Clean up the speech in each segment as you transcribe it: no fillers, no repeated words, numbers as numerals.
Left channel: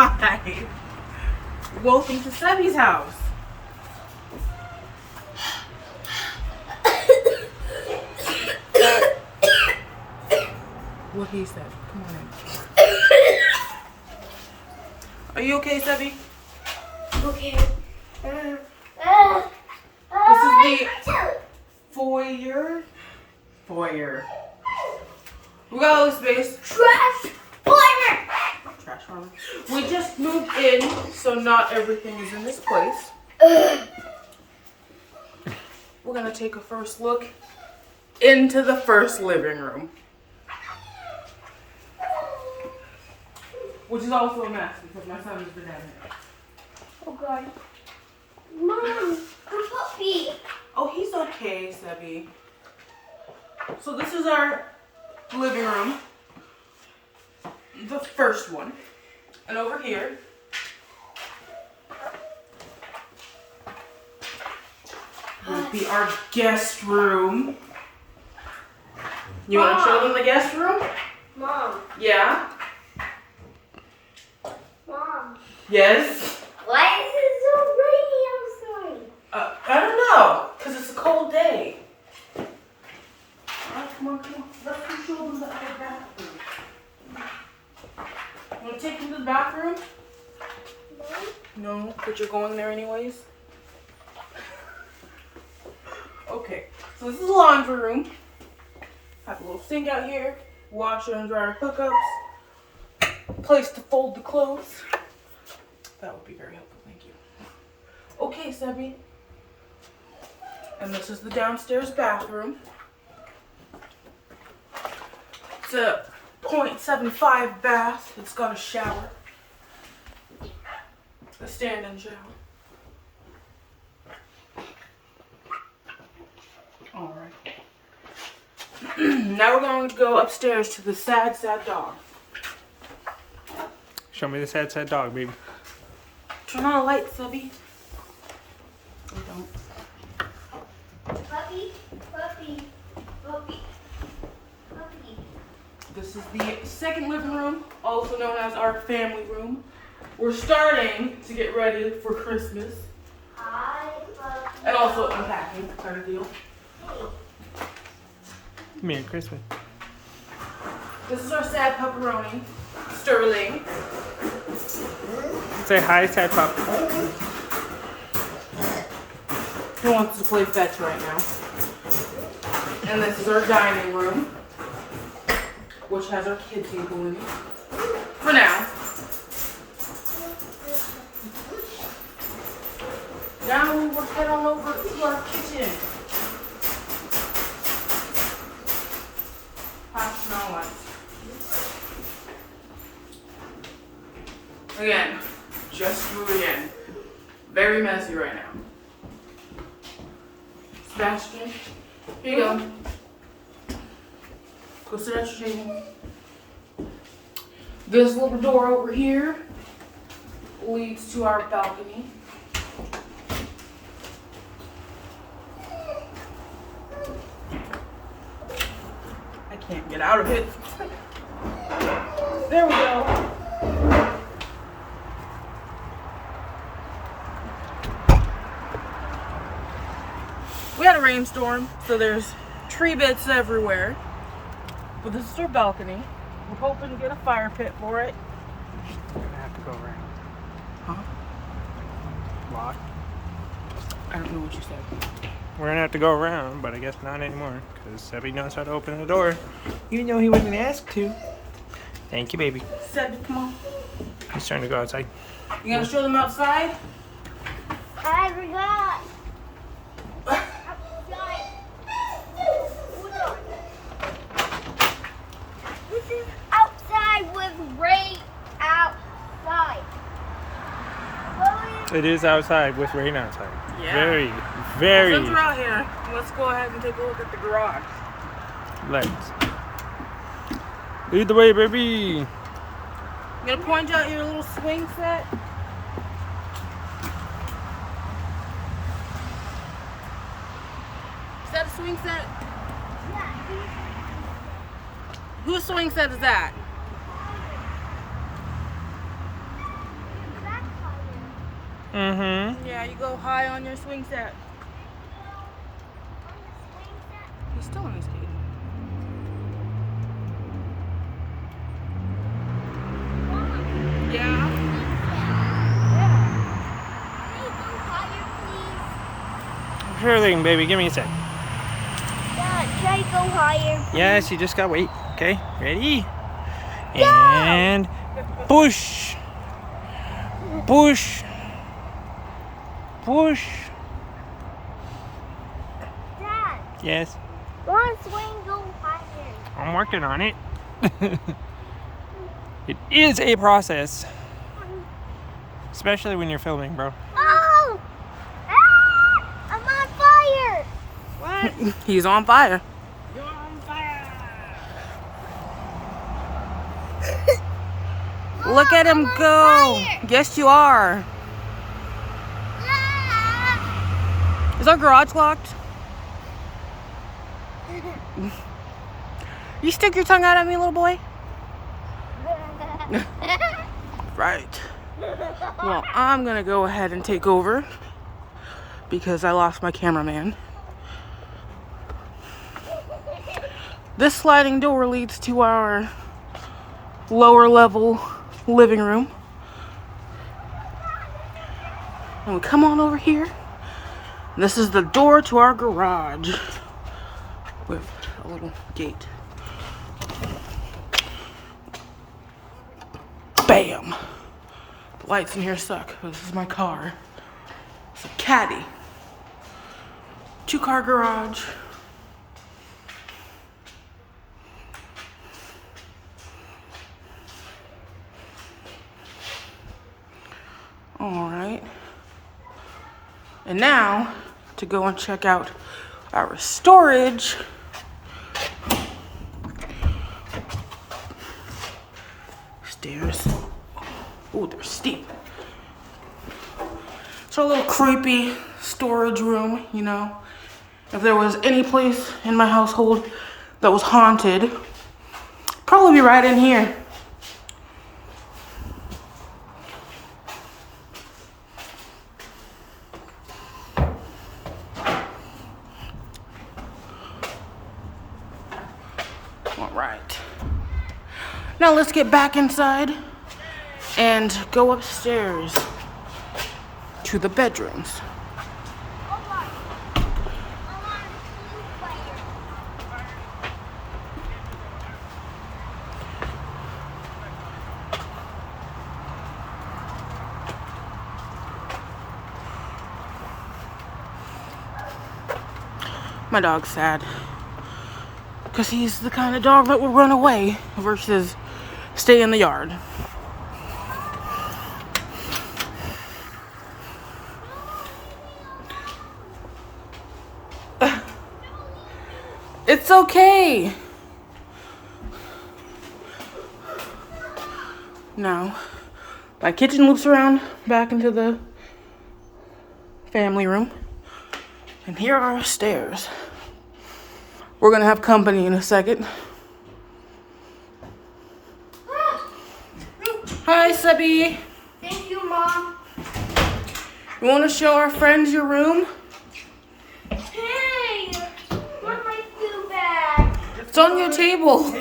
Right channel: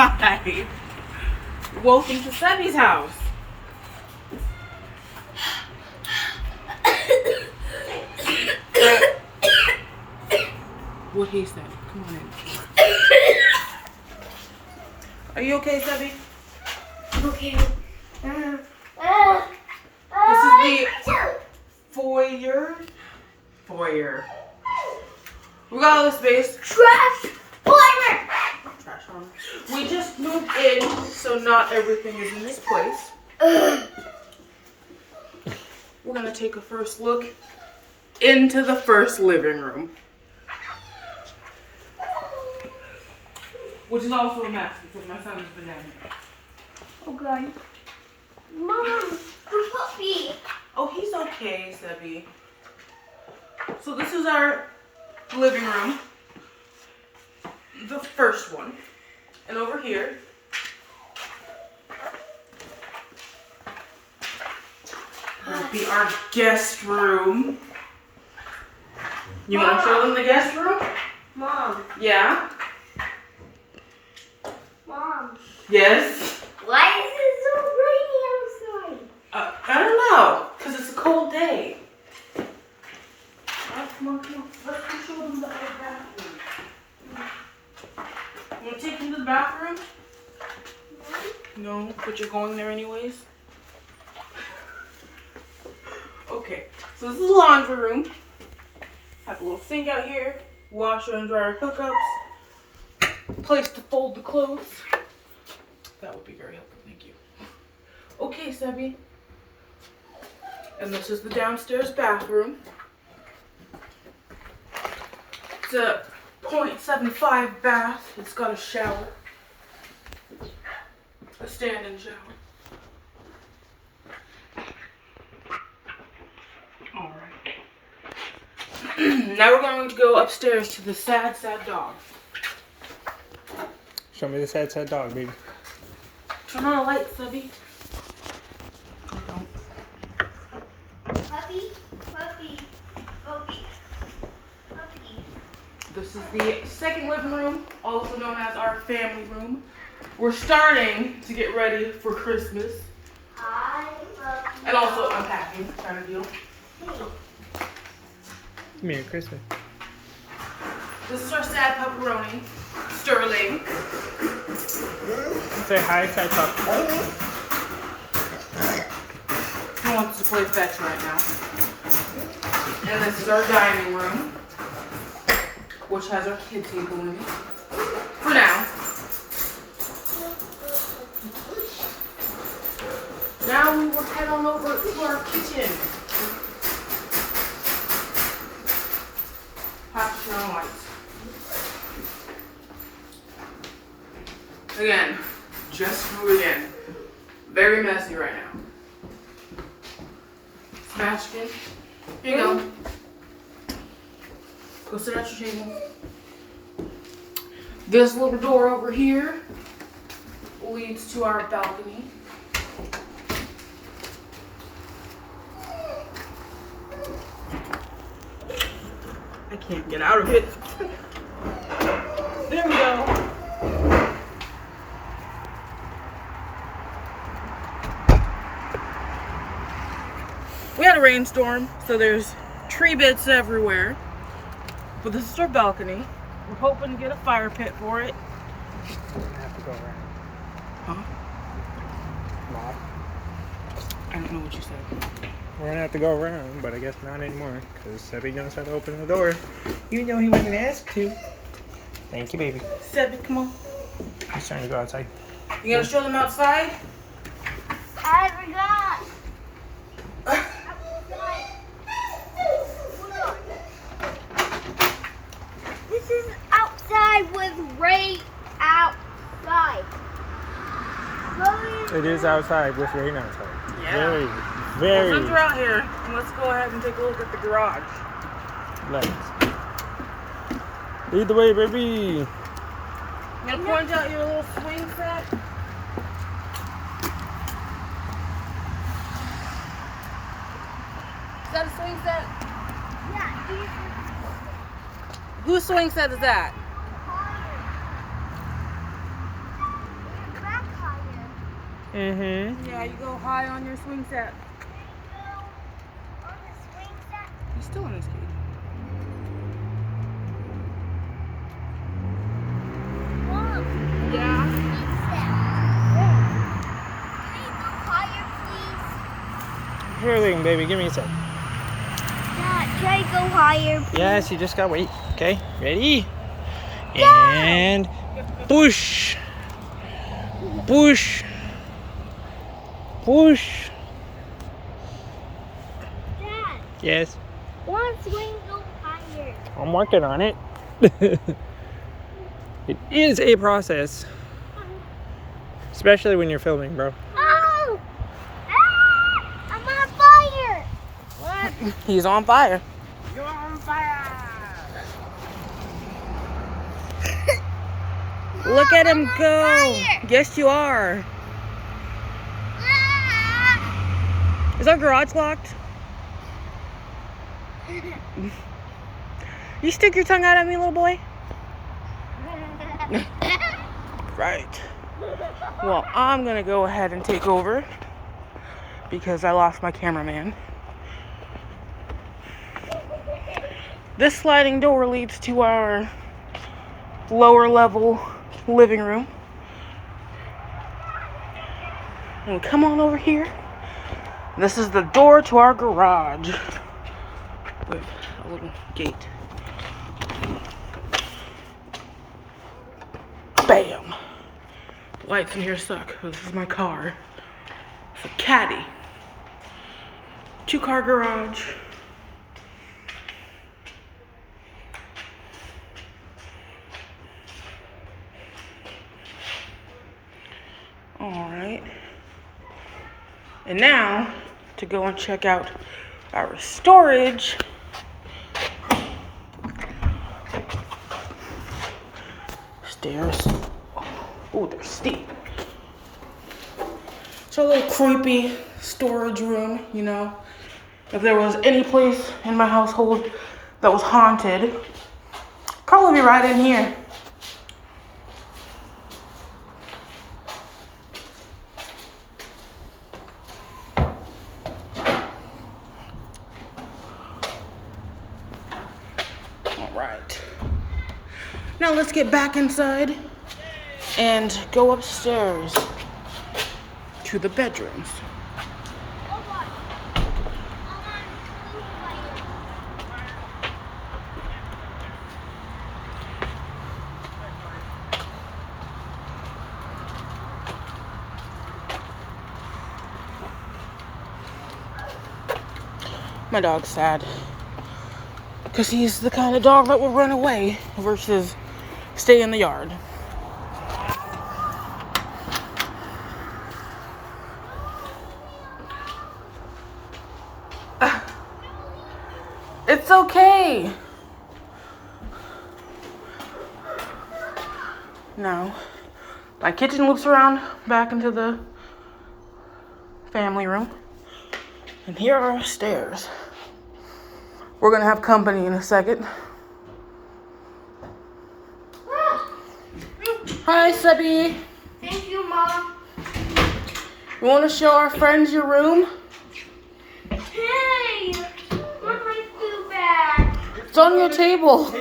Hi. Welcome to Sebby's house. What he said. Come on in. Are you okay, Sebby? Okay. This is the foyer. We got all the space. Trash farmer. Trash farmer. We just moved in, so not everything is in this place. We're gonna take a first look into the first living room, which is also a mess because my son has been down here. Oh God. Mom, the puppy. Oh, he's okay, Sebby. So this is our living room, the first one, and over here would be our guest room. You want to show them the guest room? Mom. Yeah. Mom. Yes. Why is it so rainy outside? I don't know, because it's a cold day. Oh, come on. Let's go show them the other bathroom. Want to take them to the bathroom? No, but you're going there anyways. Okay, so this is the laundry room. Have a little sink out here, washer and dryer hookups, place to fold the clothes. That would be very helpful, thank you. Okay, Sebby. And this is the downstairs bathroom. It's a 0.75 bath. It's got a shower. A stand-in shower. Alright. Now we're going to go upstairs to the sad, sad dog. Show me the sad, sad dog, baby. Turn on a light, Sebby. Or don't. Puppy, puppy, puppy, puppy. This is the second living room, also known as our family room. We're starting to get ready for Christmas. Hi, puppy. And also unpacking, kind of deal. Merry Christmas. This is our sad pepperoni, Sterling. Say hi, sad pup. He wants to play fetch right now. And this is our dining room, which has our kid table in it. For now. Now we're heading on over to our kitchen. Pass around lights. Again, just moving in. Very messy right now. Sebastian, here you go. Go sit at your table. This little door over here leads to our balcony. I can't get out of it. There we go. We had a rainstorm, so there's tree bits everywhere. But this is our balcony. We're hoping to get a fire pit for it. We're gonna have to go around. Huh? Lock. I don't know what you said. We're gonna have to go around, but I guess not anymore, because Sebby knows how to open the door, even though he wasn't asked to. Thank you, baby. Sebby, come on. He's trying to go outside. You gonna show them outside? I forgot. This is outside with rain outside. It is outside with rain outside. Yeah. Very, Since very. we're out here, let's go ahead and take a look at the garage. Let's. Lead the way, baby. You gonna point out your little swing set? Is that a swing set? Yeah, Whose swing set is that? Mm-hmm. Yeah, you go high on your swing set. On the swing set. He's still in his cage. Mom, Yeah. can you go higher, please? Sure thing, baby. Give me a sec. Dad, can I go higher, please? Yes, you just gotta wait. Okay, ready? And push. Push. Push. Dad, Yes, one swing go higher. I'm working on it. It is a process. Especially when you're filming, bro. Oh! Ah! I'm on fire! What? He's on fire. You're on fire! Look at him I'm on go. fire. Yes, you are. Ah! Is our garage locked? You stick your tongue out at me, little boy? Right. Well, I'm gonna go ahead and take over because I lost my cameraman. This sliding door leads to our lower level living room. And we come on over here. This is the door to our garage with a little gate. Bam! The lights in here suck. This is my car. It's a caddy. 2-car garage. Alright. And now, to go and check out our storage. Stairs. Oh, they're steep. It's a little creepy storage room, you know. If there was any place in my household that was haunted, probably be right in here. All right. Now let's get back inside and go upstairs to the bedrooms. My dog's sad because he's the kind of dog that will run away versus stay in the yard. It's okay. Now, my kitchen loops around back into the family room. And here are our stairs. We're gonna have company in a second. Hi, Subby. Thank you, Mom. You wanna show our friends your room? Hey! Where's my food bag? It's on your table.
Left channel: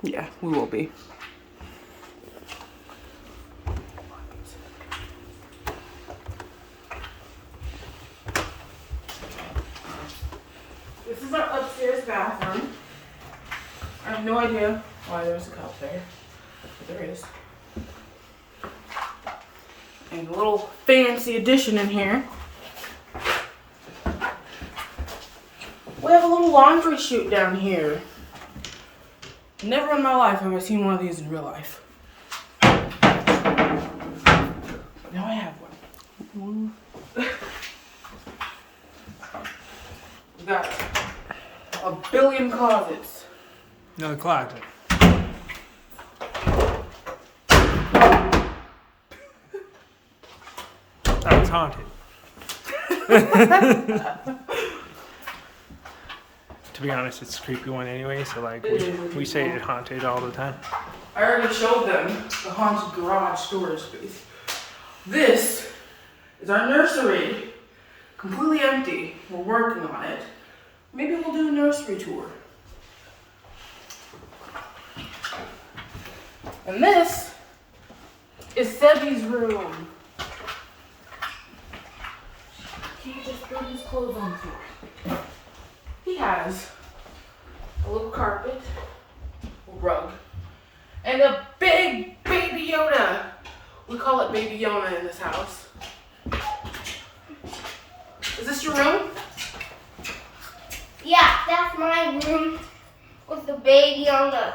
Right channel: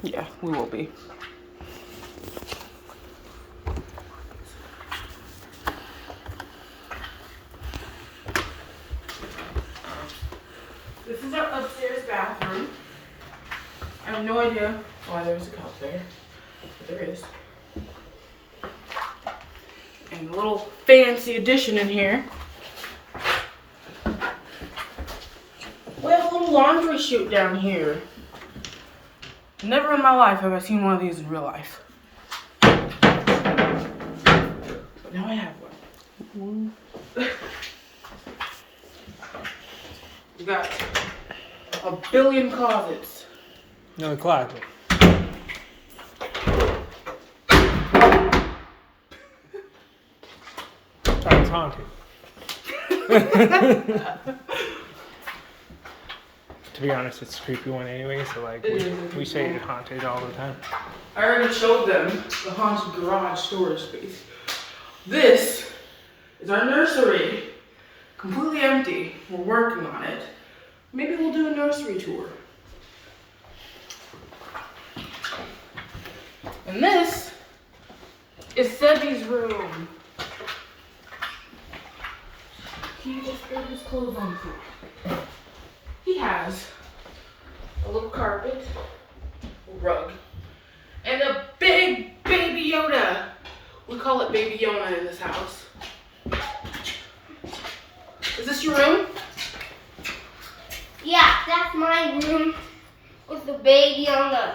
Yeah, we will be. This is our upstairs bathroom. I have no idea why there's a cup there, but there is. And a little fancy addition in here. We have a little laundry chute down here. Never in my life have I seen one of these in real life. But now I have one. You got a billion closets. No closet. Sounds haunted. To be honest, it's a creepy one anyway, so like we say it's haunted all the time. I already showed them the haunted garage storage space. This is our nursery. Completely empty. We're working on it. Maybe we'll do a nursery tour. And this is Sebby's room. He just put his clothes on the floor. He has a little carpet, a rug, and a big baby Yoda. We call it Baby Yona in this house. Is this your room? Yeah, that's my room with the baby on the.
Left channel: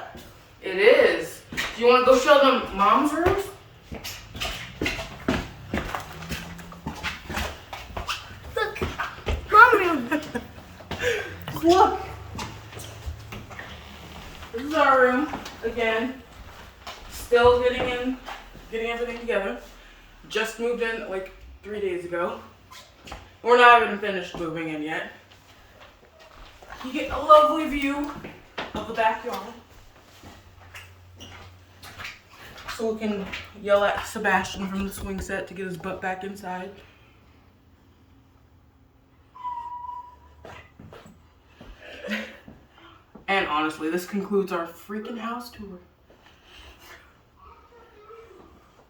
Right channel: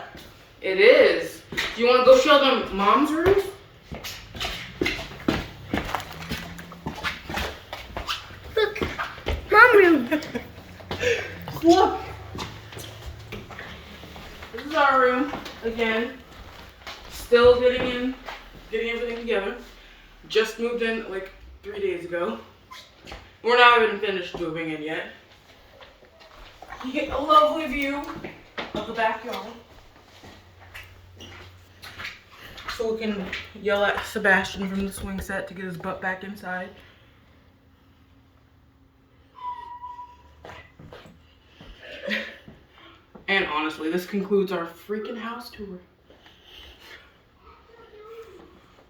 It is. Do you want to go show them Mom's room? Look, mom room. Look. This is our room again. Still getting everything together. Just moved in like 3 days ago. We're not even finished moving in yet. You get a lovely view of the backyard. So we can yell at Sebastian from the swing set to get his butt back inside. And honestly, this concludes our freaking house tour.